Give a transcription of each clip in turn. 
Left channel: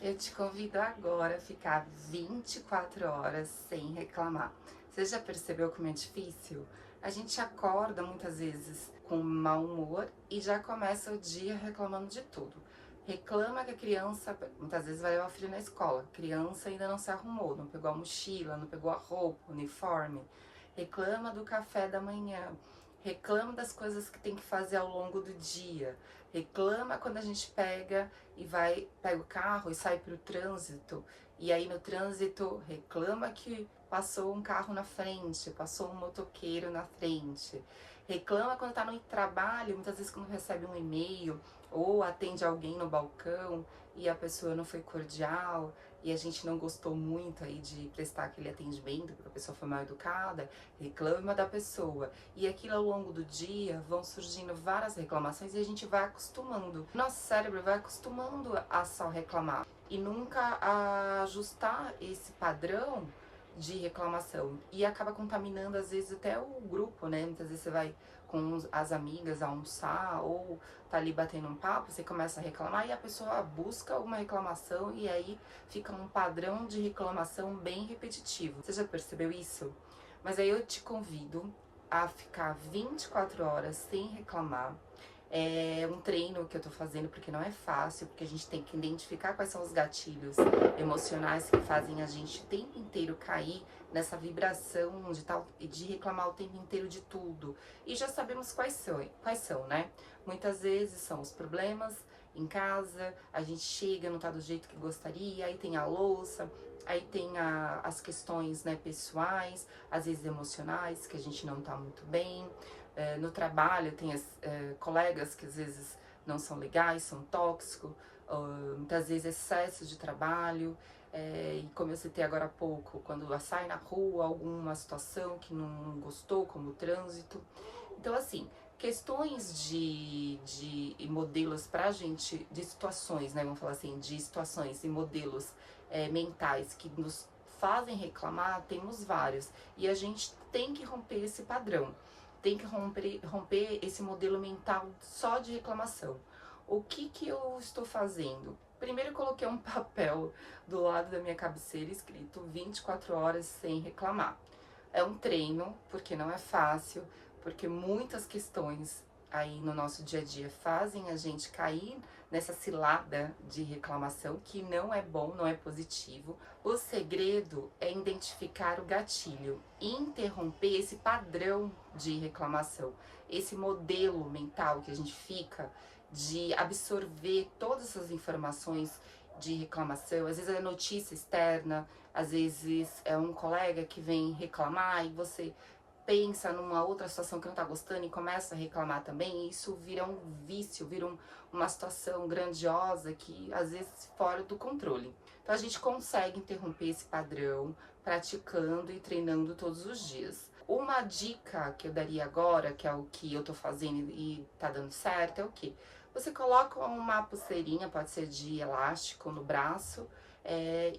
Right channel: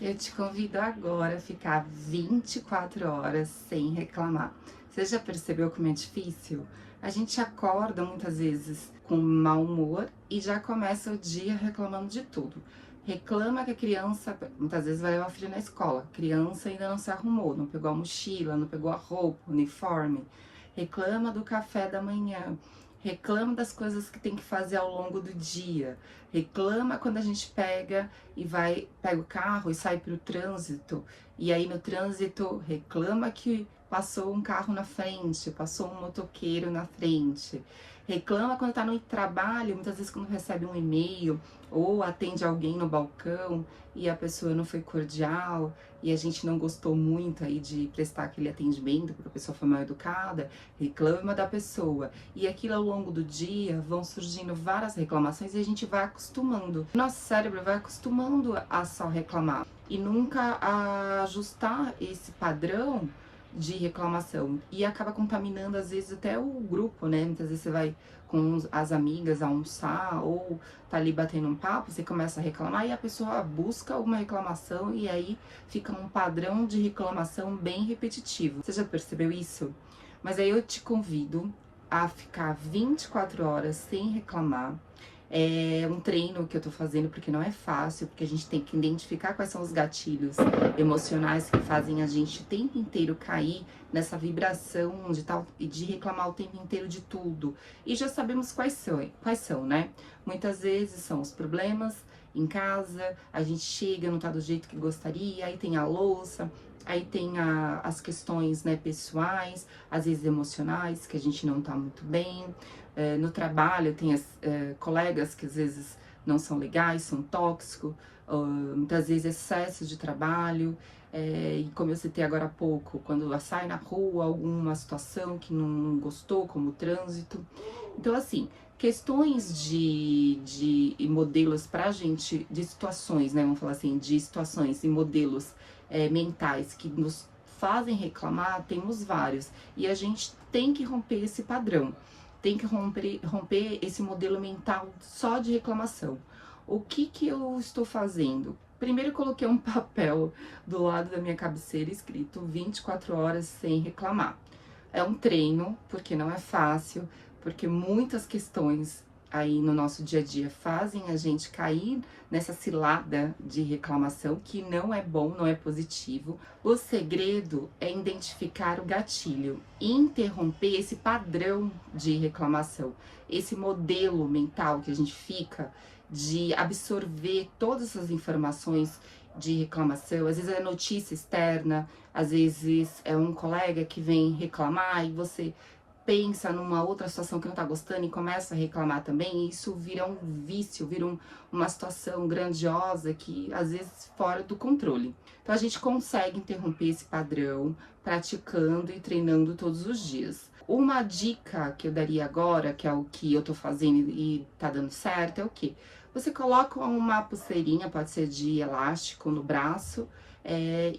Eu te convido agora a ficar 24 horas sem reclamar. Você já percebeu como é difícil? A gente acorda muitas vezes com mau humor e já começa o dia reclamando de tudo. Reclama que a criança, muitas vezes vai levar o filho na escola. A criança ainda não se arrumou, não pegou a mochila, não pegou a roupa, o uniforme. Reclama do café da manhã. Reclama das coisas que tem que fazer ao longo do dia. Reclama quando a gente pega pega o carro e sai para o trânsito, e aí no trânsito reclama que passou um carro na frente, passou um motoqueiro na frente. Reclama quando está no trabalho, muitas vezes quando recebe um e-mail ou atende alguém no balcão e a pessoa não foi cordial e a gente não gostou muito aí de prestar aquele atendimento porque a pessoa foi mal educada, reclama da pessoa. E aquilo ao longo do dia vão surgindo várias reclamações e a gente vai acostumando. Nosso cérebro vai acostumando a só reclamar e nunca a ajustar esse padrão de reclamação e acaba contaminando às vezes até o grupo, né? Muitas vezes você vai com as amigas almoçar ou tá ali batendo um papo, você começa a reclamar e a pessoa busca uma reclamação e aí fica um padrão de reclamação bem repetitivo. Você já percebeu isso? Mas aí eu te convido a ficar 24 horas sem reclamar. É um treino que eu tô fazendo porque não é fácil, porque a gente tem que identificar quais são os gatilhos emocionais que fazem a gente o tempo inteiro cair nessa vibração de reclamar o tempo inteiro de tudo. E já sabemos quais são, né? Muitas vezes são os problemas em casa, a gente chega, não tá do jeito que gostaria, aí tem a louça, aí tem as questões, né, pessoais, às vezes emocionais, que a gente não tá muito bem. No trabalho tem colegas que às vezes não são legais, são tóxicos, muitas vezes excesso de trabalho, e como eu citei agora há pouco, quando sai na rua alguma situação que não gostou, como o trânsito. Então, assim, questões de modelos pra gente, de situações, né, vamos falar assim, de situações e modelos mentais que nos fazem reclamar, temos vários, e a gente tem que romper esse padrão. Tem que romper esse modelo mental só de reclamação. O que eu estou fazendo? Primeiro eu coloquei um papel do lado da minha cabeceira escrito 24 horas sem reclamar. É um treino, porque não é fácil, porque muitas questões aí no nosso dia a dia fazem a gente cair nessa cilada de reclamação, que não é bom, não é positivo. O segredo é identificar o gatilho, interromper esse padrão de reclamação, esse modelo mental que a gente fica de absorver todas essas informações de reclamação. Às vezes é notícia externa, às vezes é um colega que vem reclamar e você pensa numa outra situação que não tá gostando e começa a reclamar também, e isso vira um vício, uma situação grandiosa que às vezes fora do controle. Então a gente consegue interromper esse padrão praticando e treinando todos os dias. Uma dica que eu daria agora, que é o que eu tô fazendo e tá dando certo, é o quê? Você coloca uma pulseirinha, pode ser de elástico, no braço,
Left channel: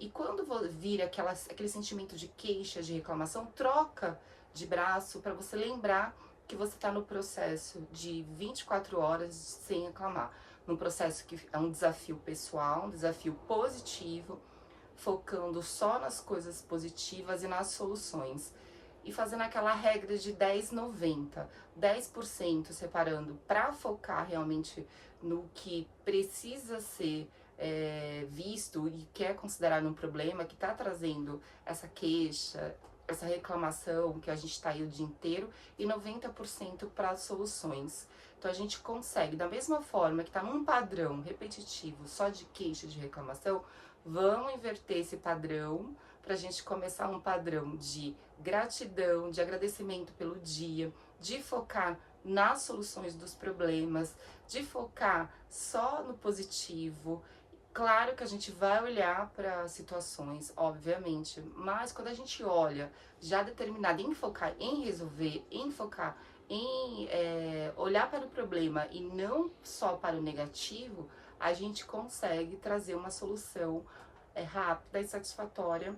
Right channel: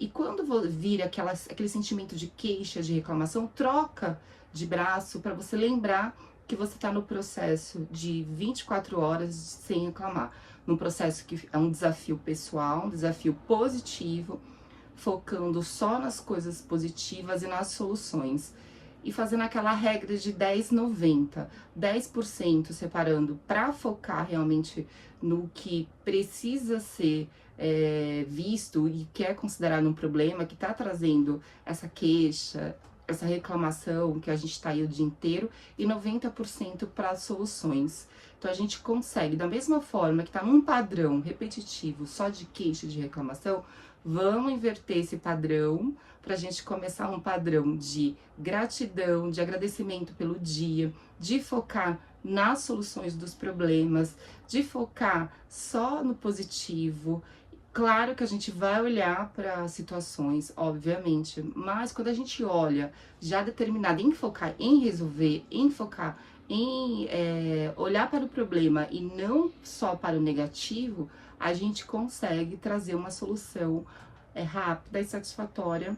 e quando vira aquele sentimento de queixa, de reclamação, troca de braço para você lembrar que você está no processo de 24 horas sem reclamar. Num processo que é um desafio pessoal, um desafio positivo, focando só nas coisas positivas e nas soluções. E fazendo aquela regra de 10-90, 10% separando para focar realmente no que precisa ser visto e que é considerado um problema, que está trazendo essa queixa, essa reclamação que a gente está aí o dia inteiro, e 90% para soluções. Então a gente consegue, da mesma forma que está num padrão repetitivo só de queixa, de reclamação, vamos inverter esse padrão para a gente começar um padrão de gratidão, de agradecimento pelo dia, de focar nas soluções dos problemas, de focar só no positivo. Claro que a gente vai olhar para situações, obviamente, mas quando a gente olha já determinado em focar em resolver, em focar em olhar para o problema e não só para o negativo, a gente consegue trazer uma solução rápida e satisfatória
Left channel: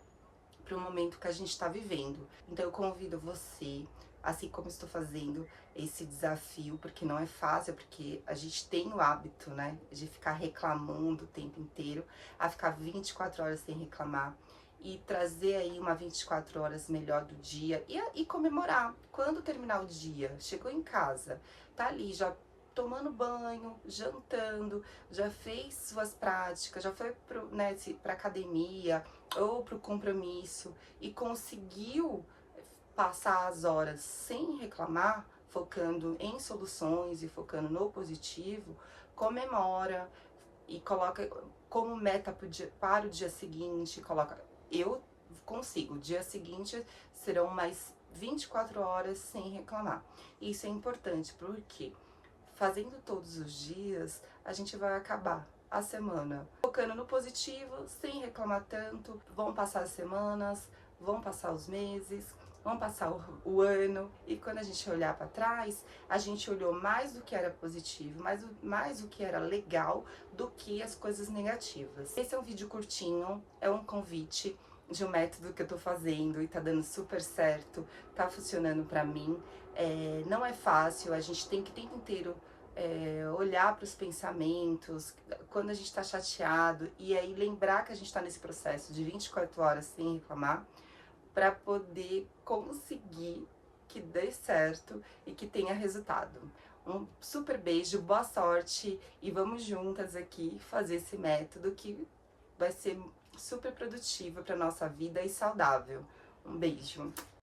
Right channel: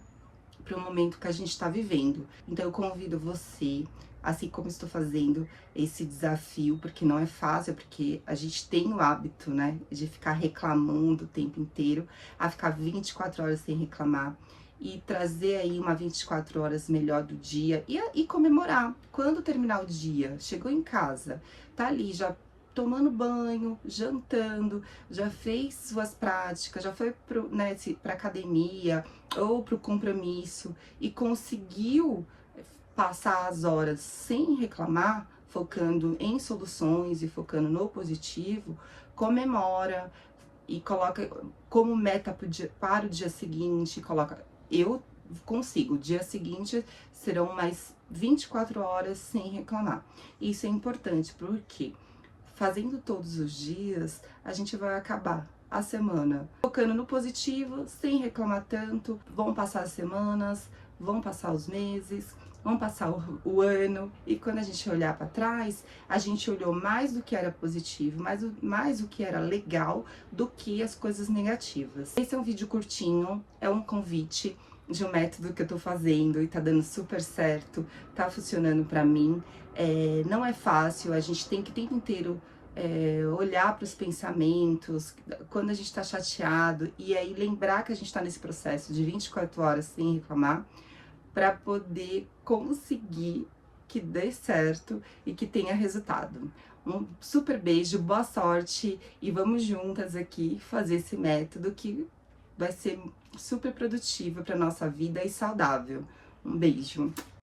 para o momento que a gente está vivendo. Então eu convido você assim como estou fazendo esse desafio, porque não é fácil, porque a gente tem o hábito, né, de ficar reclamando o tempo inteiro, a ficar 24 horas sem reclamar, e trazer aí uma 24 horas melhor do dia e comemorar. Quando terminar o dia, chegou em casa, tá ali já tomando banho, jantando, já fez suas práticas, já foi pra academia ou pro compromisso e conseguiu passar as horas sem reclamar, focando em soluções e focando no positivo, comemora e coloca como meta para o dia seguinte, coloca, eu consigo, o dia seguinte serão mais 24 horas sem reclamar. Isso é importante porque fazendo todos os dias, a gente vai acabar a semana focando no positivo, sem reclamar tanto. Vão passar as semanas, vão passar os meses, vão passar o ano, e quando a gente olhar para trás, a gente olhou mais do que era positivo, mais o que era legal do que as coisas negativas. Esse é um vídeo curtinho, é um convite de um método que eu tô fazendo e tá dando super certo, tá funcionando pra mim. Não é fácil, a gente tem que o tempo inteiro olhar para os pensamentos, quando a gente tá chateado, e aí lembrar que a gente tá nesse processo de 24 horas sem reclamar, para poder conseguir que dê certo e que tenha resultado. Um super beijo, boa sorte e vamos juntas aqui fazer esse método que vai ser super produtivo para nossa vida e saudável. Um beijo.